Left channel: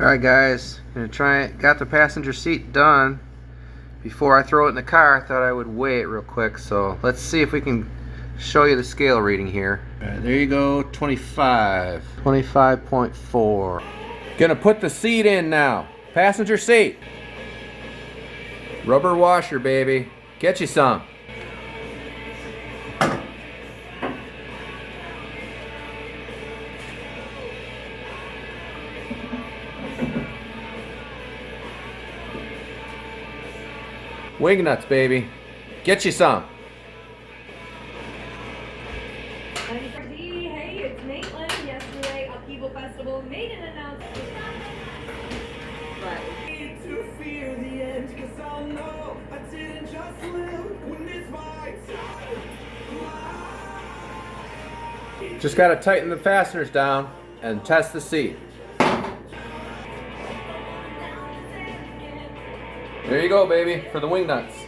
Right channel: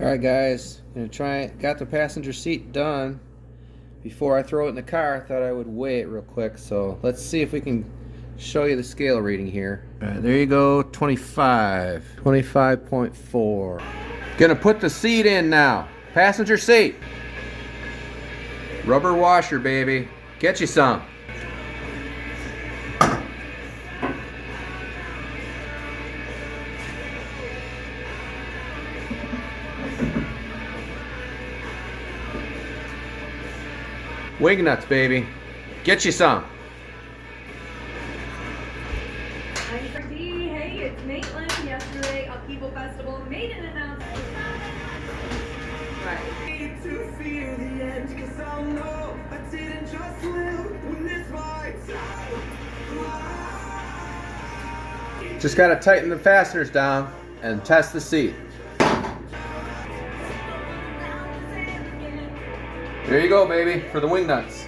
Alright guys, gonna try it. Got the passenger seat done. Before I throw it in the car, I thought I would weigh it real quick. So let's see if we can show you the scale reading here. Alright, there you go, 25. 25.4. Gonna put the seat in now. Passenger seat. Rubber washer, baby. Get you some. Wing nuts, baby. Get you some. Hey, it's Maitland. Yesterday, Upheaval Festival made an announcement. Right. To fear the end, 'cause I'll know I didn't just live when it's my time. Just gotta tighten the fasteners down and test the seat. There you go, baby, for the wing nuts.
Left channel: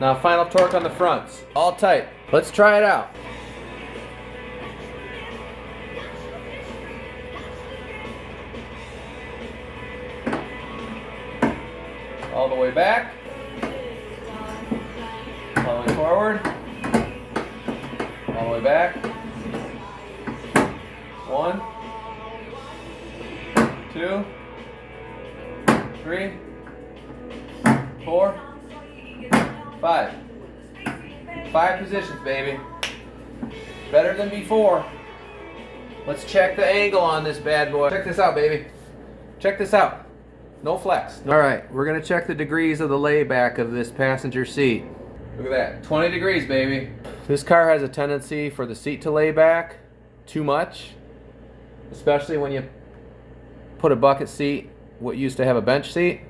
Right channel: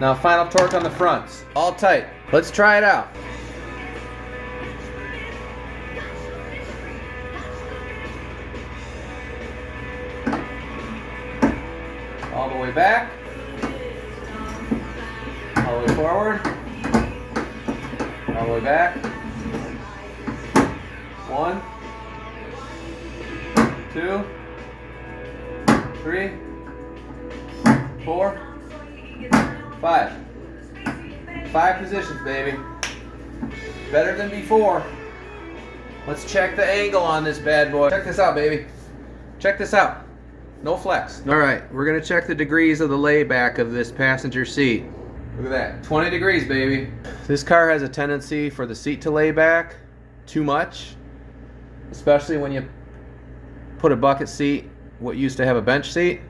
Now final torque on the fronts. All tight. Let's try it out. All the way back. All the way forward. All the way back. 1, 2, 3, 4, 5. 5 positions, baby. Better than before. Let's check the angle on this bad boy. Check this out, baby. Check this out. No flex. Alright, we're going to check the degrees of the layback of this passenger seat. Look at that. 20 degrees, baby. This car has a tendency for the seat to lay back too much. Especially when you put a bucket seat, what used to have a bench seat.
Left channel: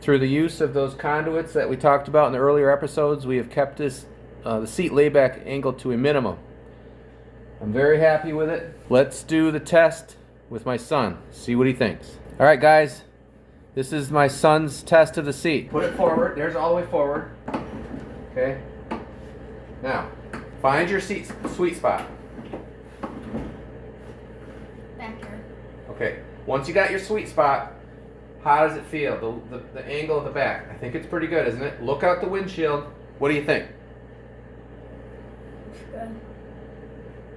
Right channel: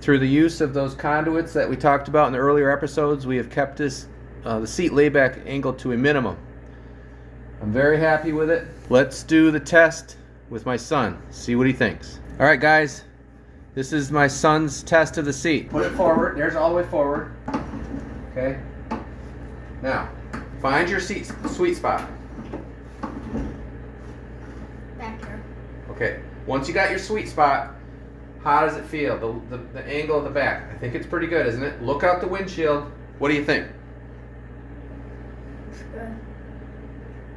Through the use of those conduits that we talked about in the earlier episodes, we have kept this the seat layback angle to a minimum. I'm very happy with it. Let's do the test with my son, see what he thinks. Alright guys, this is my son's test of the seat. Put it forward, there's all the way forward. Okay. Now, find your seat sweet spot. Back here. Okay, once you got your sweet spot, how does it feel? The angle of the back. I think it's pretty good, isn't it? Look out the windshield. What do you think? It's good.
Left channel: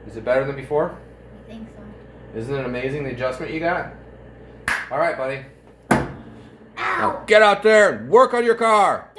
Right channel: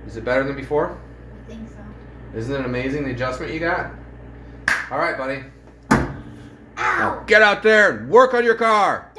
Is it better than before? I think so. Isn't it amazing the adjustment you got? All right, buddy. Now get out there and work on your car.